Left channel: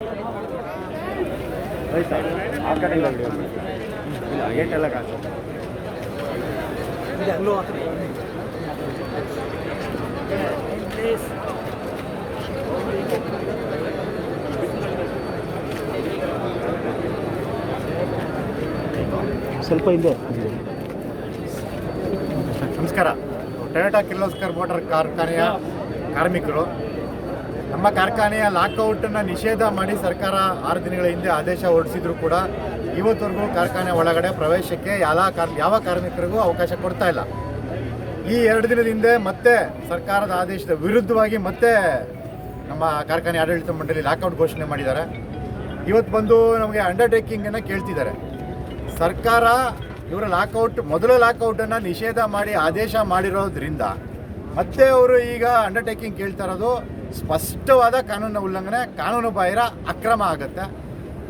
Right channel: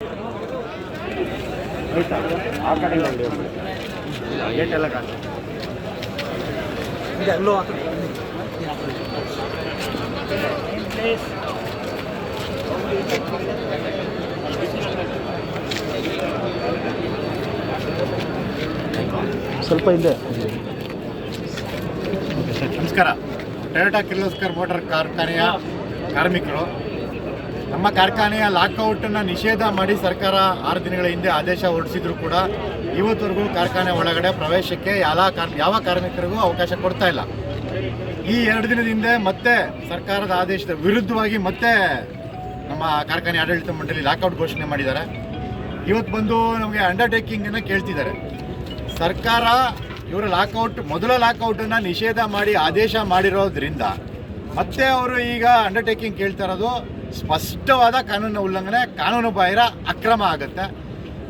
ಆ ಕಡೆಯಿಂದ ಗೇಟ್ ಎಲ್ಲ ಕಾಸು ಸ್ವಲ್ಪ ಇದೆ. ನಮಸ್ಕಾರ. ಟೊಯೋಟಾ ಕಿರ್ಲೋಸ್ಕರ್ ಮೋಟಾರ್ ಕಾರ್ಖಾನೆಯ ಕಾರ್ಮಿಕರು ನಮ್ಮ ಕಾರ್ಖಾನೆಯ ಲಾಕೌಟನ್ನು ನಿಷೇಧ ಮಾಡಿ ಸರ್ಕಾರ 6 ದಿನಗಳ ಹಿಂದೆ ಆದೇಶ ಹೊರಡಿಸಿದ್ರು ಕೂಡ ಇವತ್ತವರೆಗೂ ಕಾರ್ಖಾನೆ ಒಳಗಡೆ ಪ್ರವೇಶಕ್ಕೆ ಯಾವ ಕಾರ್ಮಿಕರಿಗೂ ಅವಕಾಶ ಕೊಡ್ತಾ ಇಲ್ಲ. ಈ 2 ದಿನದ ಹಿಂದೆ ಮತ್ತೆ ಸರ್ಕಾರದ ಆದೇಶದ ವಿರುದ್ಧವಾಗಿ ಮತ್ತೆ ನಮ್ಮ ಕಾರ್ಖಾನೆ ಆಡಳಿತ ಮಂಡಳಿ ಲಾಕೌಟ್ ಘೋಷಣೆ ಮಾಡಿದ್ದಾರೆ. ಇವತ್ತು ಬಂದು ನಮಗೆ ಅಂಡರ್ಟೇಕಿಂಗನ್ನು ಕೇಳ್ತಿದ್ದಾರೆ. ಸರ್ಕಾರ ಇವರ ಮೊದಲ ಲಾಕೌಟನ್ನು ನಿಷೇಧ ಮಾಡಿ ಆದೇಶ ಮಾಡಿರೋದ್ರಿಂದ ಮತ್ತೆ ಅವರು ಈಗ ಅಂಡರ್ಟೇಕಿಂಗ್ ಕೇಳ್ತಾ ಇರೋದು ಸ್ಪಷ್ಟವಾದ ಕಾನೂನು ಉಲ್ಲಂಘನೆ, ಕಾನೂನು ಬಾಹಿರ ಅಕ್ರಮ ಆಗುತ್ತೆ.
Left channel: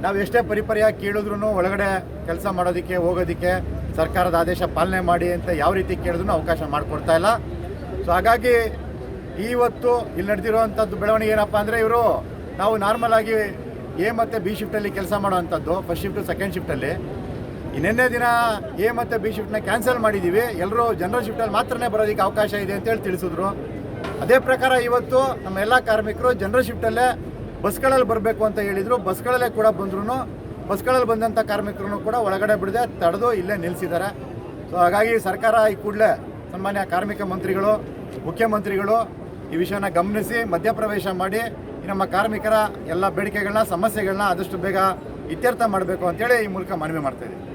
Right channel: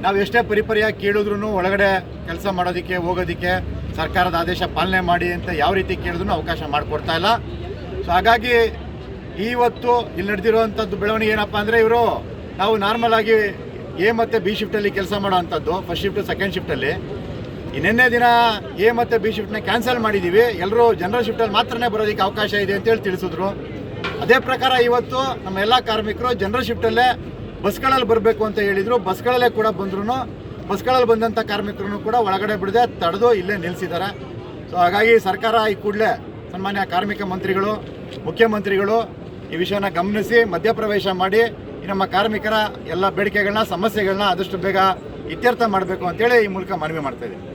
ನಾವು ಎಷ್ಟೇ ಪರಿಪರಿಯಾಗಿ ಕೇಳಿದ್ರೂ ಒಳಗಡೆ ಕೆಲಸ ಮಾಡೋದಕ್ಕೆ ಹೋಗೋದಕ್ಕೆ ಸರ್ಕಾರದ ಆದೇಶ ಪಾಲನೆ ಮಾಡಿ ಅಂತ ಯಾವ ರೀತಿ ಕೇಳಿದ್ರೂ ಅವಕಾಶ ಮಾಡಿಕೊಡ್ತಾ ಇಲ್ಲ. ಸೊ ಹಾಗಾಗಿ ಇವತ್ತು ಇಲ್ಲಿ ನಡೆದಿರುವಂಥದ್ದು ಬೆಳವಣಿಗೆ ಏನಪ್ಪ ಅಂದರೆ, ನಾವು ನಾರ್ಮಲ್ ಆಗಿ ಎ ಮತ್ತು ಬಿ ಶಿಫ್ಟಲ್ಲಿ ಕೆಲಸ ಮಾಡೋ ಅಂಥದ್ದು, ಫಸ್ಟ್ ಶಿಫ್ಟು ಸೆಕೆಂಡ್ ಶಿಫ್ಟಲ್ಲಿ. ನಿನ್ನೆ ದಿನ ಎ ಮತ್ತು ಬಿ ಶಿಫ್ಟ್ನ ಕ್ಯಾನ್ಸಲ್ ಮಾಡಿದ್ದೀವಿ, ಎಲ್ಲರೂ ಜನರಲ್ ಶಿಫ್ಟಲ್ಲಿ ಮಾತ್ರನೇ ಬರೋದಕ್ಕೆ ಅವಕಾಶ ಇದೆ ಅಂತೇಳಿ ತಿಳಿಸಿದ್ರು. ಅದೇ ಪ್ರಕಾರ ಇವತ್ತು ನಮ್ಮ ಎಲ್ಲ ಕಾರ್ಮಿಕರು ಜನರಲ್ ಶಿಫ್ಟಲ್ಲೇ ಬಸ್ಗಳಲ್ಲಿ ಬರಬೇಕು ಅಂತ ಹೇಳಿದರು. ಬಸ್ಗಳಲ್ಲೇ ಕೂಡ ಬಂದ್ರು, ಬಸ್ಗಳಲ್ಲಿ ಬಂದಂಥ ಕಾರ್ಮಿಕರು ಕೂಡ ಒಳಗಡೆ ಬಿಡದೆ ತಡೆದು ಇಲ್ಲೇ ನಿಲ್ಲಿಸಿದ್ದಾರೆ. ಸೊ ಹಾಗಾಗಿ ಸರ್ಕಾರ ಈ ಕೂಡಲೇ ಸನ್ಮಾನ್ಯ ಕಾರ್ಮಿಕ ಮಂತ್ರಿಗಳು, ಮುಖ್ಯಮಂತ್ರಿಗಳು ಈ ವಿಷಯನ ಗಮನಿಸಿ ಮಧ್ಯಪ್ರವೇಶ ಮಾಡಿ ನಮ್ಮ ಕಾರ್ಮಿಕರ ಎಲ್ಲ ಬೇಡಿಕೆಗಳನ್ನ, ಸಮಸ್ಯೆಗಳನ್ನ ಆದಷ್ಟು ಬೇಗ ಇತ್ಯರ್ಥ ಮಾಡಬೇಕು ಅಂತೇಳಿ ಈ ಮೂಲಕ ಮನವಿ ಮಾಡ್ತಾಯಿದ್ದೀವಿ.